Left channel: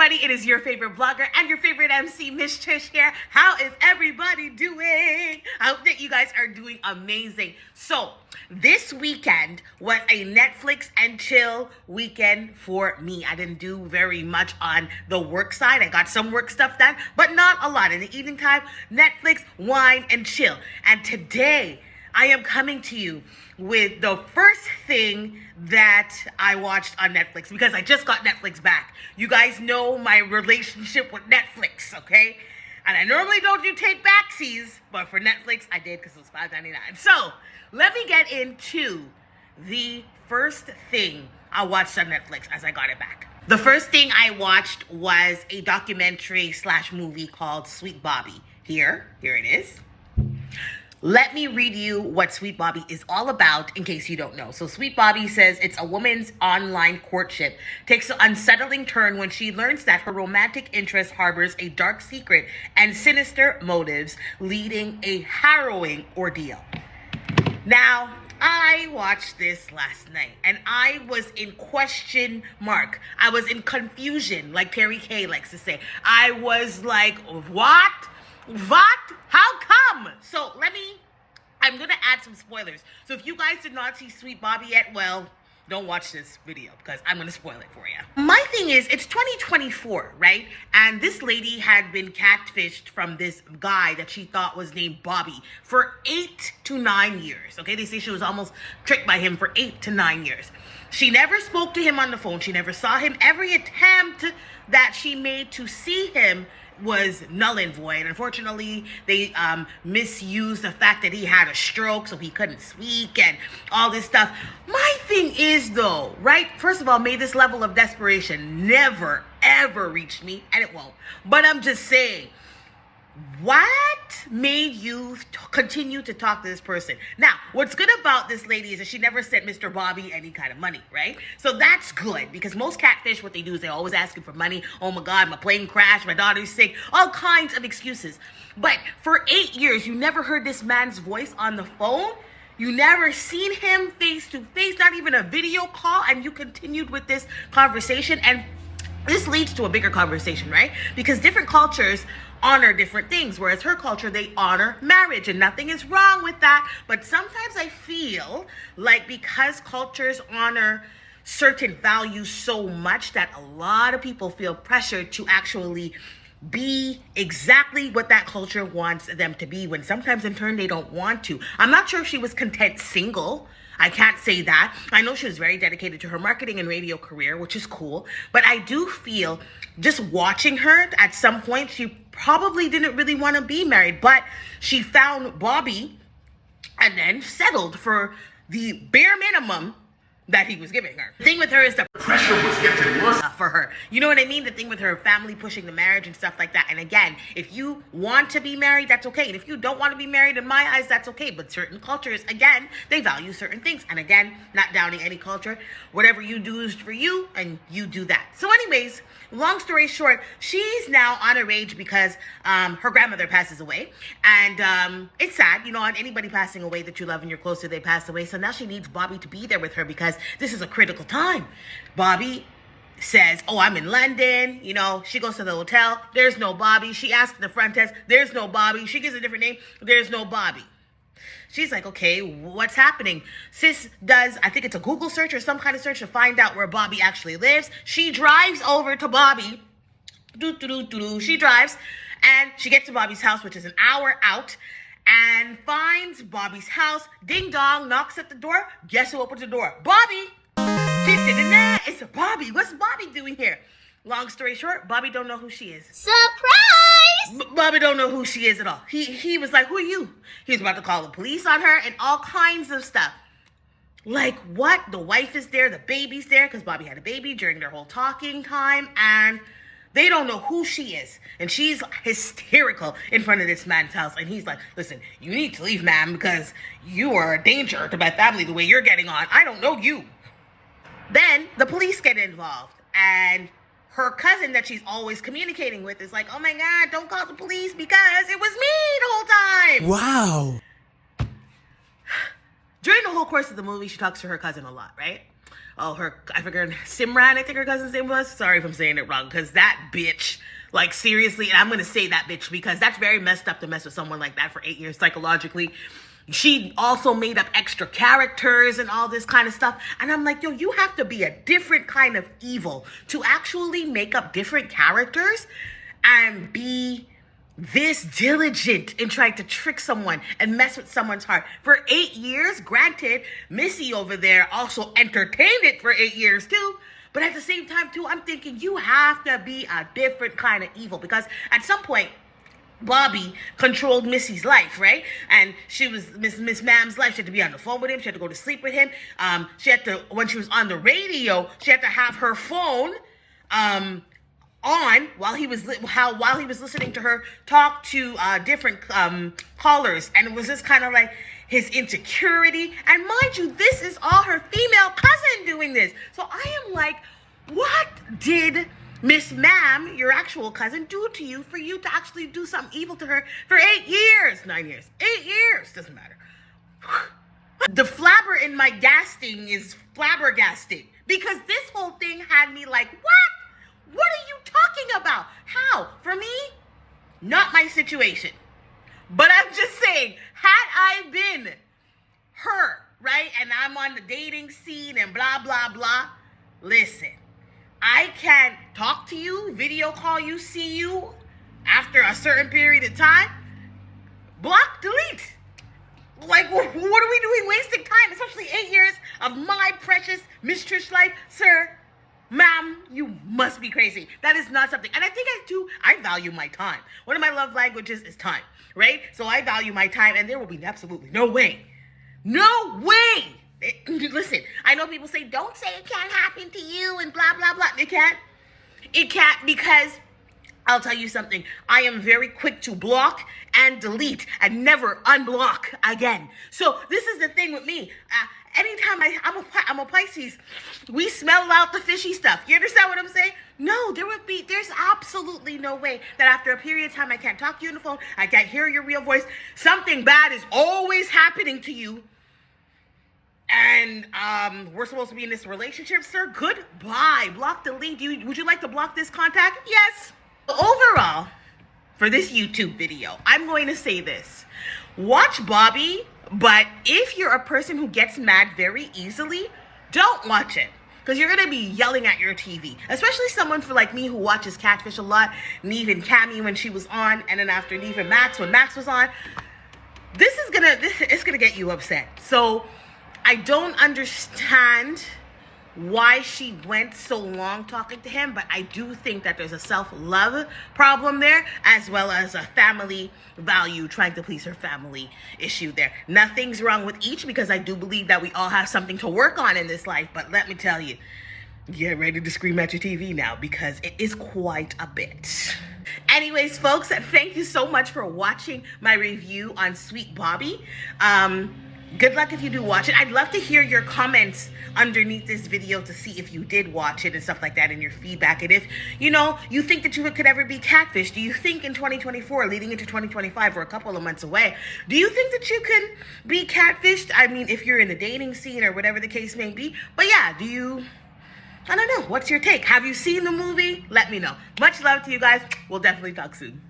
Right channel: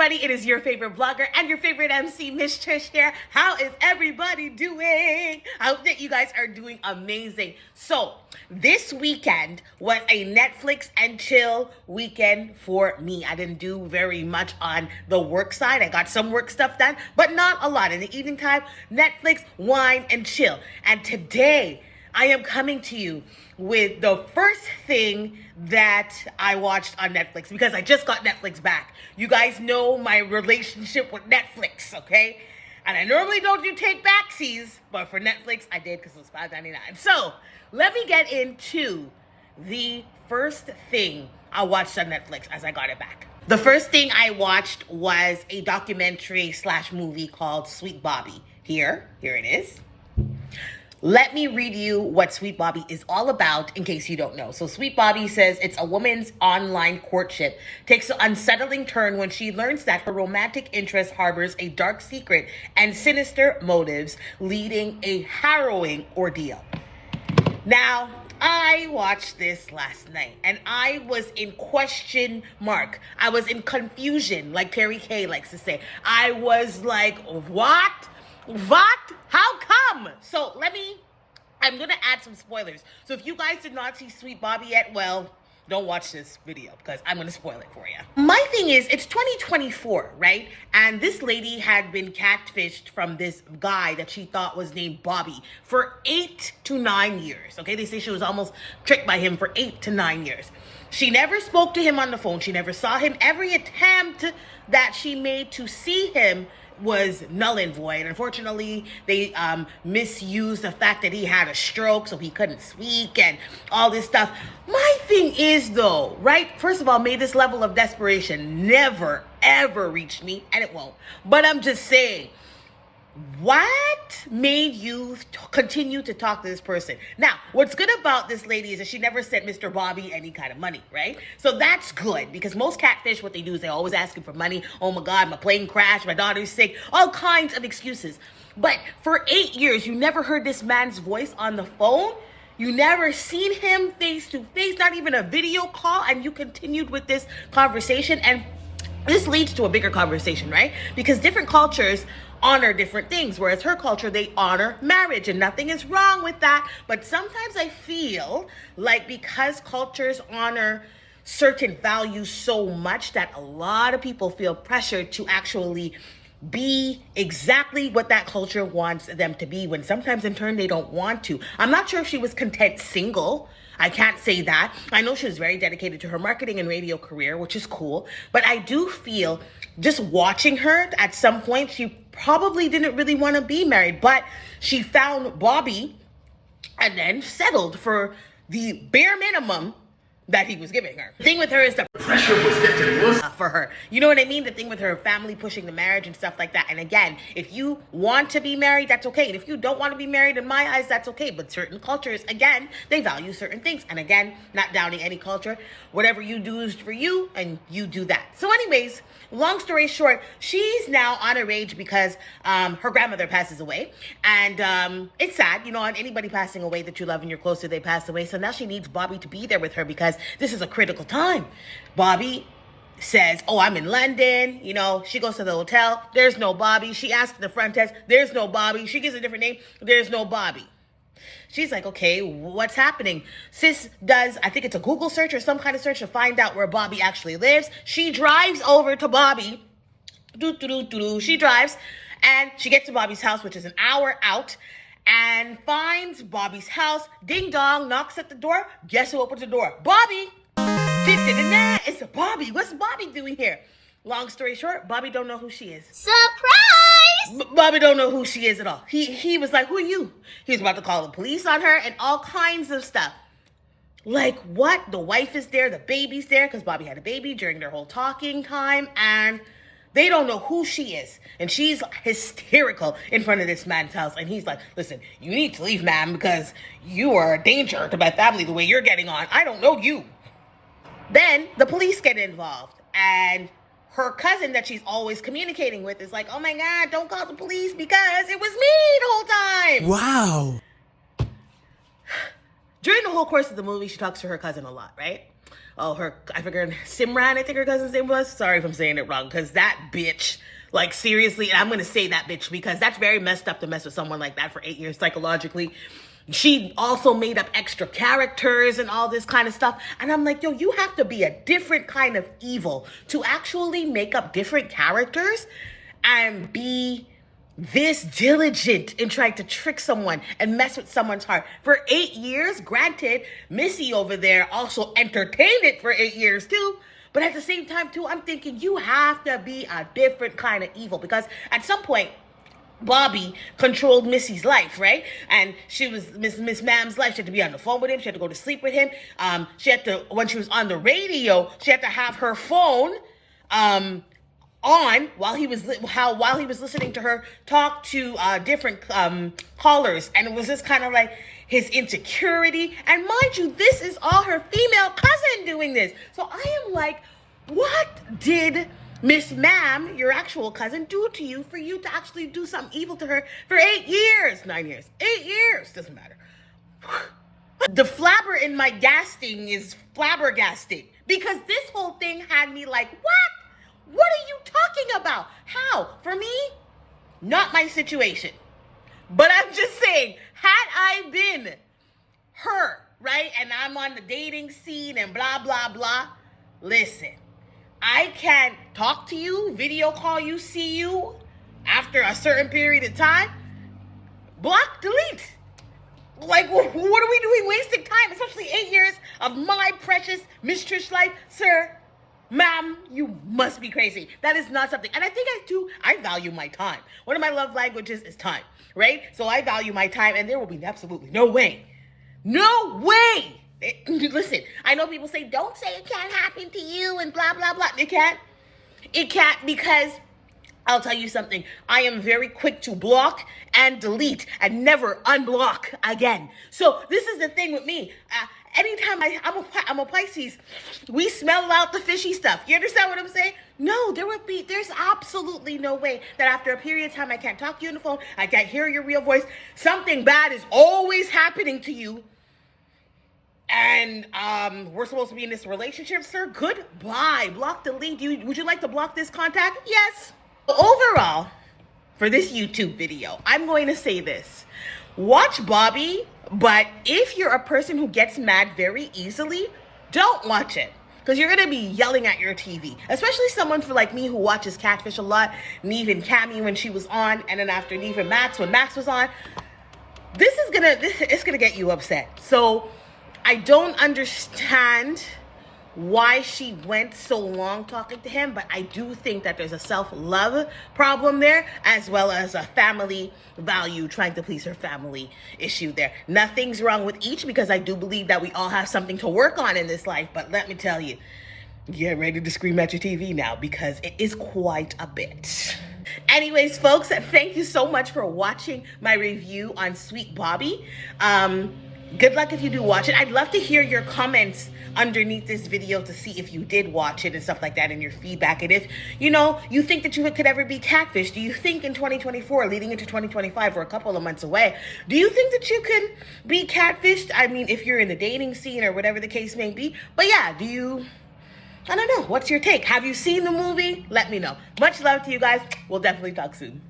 everybody? It is your favorite blogger and your favorite MC, Miss Trish here. How is everybody doing? I hope that you guys are doing amazing. So, this weekend was a Netflix and chill weekend for me. I didn't do very much on the work side. I got some work stuff done, but not a lot. In the evening time, Netflix, wine, and chill. And today, I am coming to you with the first thing that I watched on Netflix because I just got Netflix back. You guys know my relationship with Netflix, okay? And I normally don't do take backsies, but for Netflix, I did because it was $5.99. So let me get into the first thing I watched on Netflix as I got it back. The first thing I watched was a documentary / movie called Sweet Bobby. Here it is. Let me read you what Sweet Bobby is all about in case you don't know. So Sweet Bobby says it's a woman's online courtship takes an unsettling turn when she learns that her romantic interest harbors a dark secret and sinister motives, leading a harrowing ordeal. Now, I watched this last night and I was in question mark. I was in confusion, like Perry Kay likes to say. I was like, what? What? How come? So I'm going to add some spoilers. So if you guys did not see Sweet Bobby yet, well, don't watch this video because I'm going to spoil it for you. My thing is, it's 2024, right? And this lady had been catfished from this guy that she thought was named Bobby for 8 to 9 years. Okay, they say she was almost tricked by him for 8 to 9 years. She never spoke to him on the phone. She never saw him. Every attempt that she made to see him was null and void. Unfortunately, they misused the fact that he had a stroke so he couldn't speak and all this stuff. My thing is though, right? First of all, may this level of desperation never, ever reach me, and it won't. But I'm just saying, what made you continue to talk to this person? Now, what's good about this lady is that she never sent Mr. Bobby any kind of money, right? So that's good because most catfish, what they do is they always ask him for money. Oh my God, my plane crashed, my daughter's sick, all kinds of excuses. But for 8 years, you never heard this man's voice on the phone. You never seen him face to face, not even a video call, and you continued with this conversation. And this leads to a bigger conversation, right? Because different cultures honor different things, whereas her culture, they honor marriage, and nothing is wrong with that. But sometimes I feel like because cultures honor certain values so much that a lot of people feel pressured to actually be exactly what that culture wants them to be, when sometimes in turn they don't want to. I'm not sure if she was content single. I can't say that. I know she was very dedicated to her marketing and radio career, which is cool. But I do feel just watching her at some point, she probably didn't really want to be married, but she found Bobby and then settled for the bare minimum that he was giving her. The thing with her is the pressure was getting worse for her. You know what I mean? The thing with her family pushing the marriage and stuff like that. And again, if you want to be married, that's okay. And if you don't want to be married, in my eyes, that's okay. But certain cultures, again, they value certain things. And again, not downing any culture. Whatever you do is for you, and you do that. So anyways, long story short, she's now on her age because her grandmother passes away. And it's sad, you know, on anybody passing away that you love and you're close to, they pass away. So now she needs Bobby to be there with her because this is a critical time. Bobby says, oh, I'm in London. You know, she goes to the hotel. There's no Bobby. She asks the front desk. There's no Bobby. She gives a different name. There's no Bobby. She's like, okay, what's happening? Sis does, I think it's a Google search or some kind of search to find out where Bobby actually lives. She drives over to Bobby. She drives and she gets to Bobby's house, which is an hour out, and finds Bobby's house. Ding dong, knocks at the door. Guess who opens the door? Bobby. It's Bobby. What's Bobby doing here? Long story short, Bobby don't know who she is. Surprise! Bobby don't know who she is at all. He was like, who are you? He was about to call the police on her and all kinds of stuff. Like what? The wife is there, the baby's there, because Bobby had a baby during their whole talking time, and they don't know who she is. And she's hysterical in front of this man's house. And he's like, listen, you need to leave, ma'am, because you are a danger to my family the way you're getting on. I don't know you. Then the police get involved. And her cousin that she's always communicating with is like, oh my God, don't call the police because it was me the whole time. Wow. During the whole course of the movie, she talks to her cousin a lot, right? I figured Simran, I think her cousin's name was. Sorry if I'm saying it wrong, because that bitch, like seriously, and I'm going to say that bitch because that's very messed up to mess with someone like that for 8 years psychologically. She also made up extra characters and all this kind of stuff. And I'm like, yo, you have to be a different kind of evil to actually make up different characters and be this diligent in trying to trick someone and mess with someone's heart. For 8 years, granted, Missy over there also entertained it for 8 years too. But at the same time too, I'm thinking you have to be a different kind of evil because at some point, Bobby controlled Missy's life, right? And she was Miss Ma'am's life. She had to be on the phone with him. She had to go to sleep with him. She had to, when she was on the radio, she had to have her phone on while he was listening to her talk to different callers. And it was just kind of like his insecurity. And mind you, this is all her female cousin doing this. So I am like, what did Miss Ma'am, your actual cousin, do to you for you to actually do something evil to her for 8 years, 9 years, 8 years, doesn't matter. The flabber in my gasting is flabbergasting because this whole thing had me like, what? What are you talking about? How? For me, not my situation. But I'm just saying, had I been her, right, and I'm on the dating scene and blah, blah, blah, listen. I can talk to you, video call you, see you after a certain period of time. Block, delete. Like, what are we doing wasting time? Especially 8 years of my precious Miss Trish life. Sir, ma'am, you must be crazy. That is not something. And I think I value my time. One of my love languages is time, right? So I value my time and there will be absolutely no way. No way. Listen, I know people say, don't say it can't happen to you and blah, blah, blah. It can't. It can't because I'll tell you something. I am very quick to block and delete and never unblock again. So this is the thing with me. Anytime I'm a Pisces, we smell out the fishy stuff. You understand what I'm saying? No, there's absolutely no way that after a period of time I can't talk to you on the phone, I can't hear your real voice. Something bad is always happening to you. And we're supposed to be in this relationship, sir. Goodbye. Block, delete. Would you like to block this contact? Yes. Overall, for this YouTube video, I'm going to say this. Watch Bobby, but if you're a person who gets mad very easily, don't watch it. Because you're going to be yelling at your TV. Especially someone like me who watches Catfish a lot. Neve and Cammy when she was on. And then after Neve and Max when Max was on. It's gonna get you upset. So I don't understand why she went so long talking to him, but I do think that there's a self-love problem there, as well as a family value, trying to please her family issue there. Nothing's wrong with each, because I do believe that we all have something to work on in this life, but let me tell you, get ready to scream at your TV now, because it is quite a bit. Anyways, folks, thank you so much for watching my review on Sweet Bobby. Good luck if you do watch it. I'd love to hear your comments underneath this video to see if you did watch it and stuff like that, and your feedback. And if, you think that you could ever be catfished, do you think in 2024, leading into 2025, we're a couple of months away, do you think that you can be catfished? I mean, if you're in the dating scene or whatever the case may be. But yeah, I don't know. What's your take? Have you seen the movie? Let me know. Much love to you guys. We'll definitely talk soon.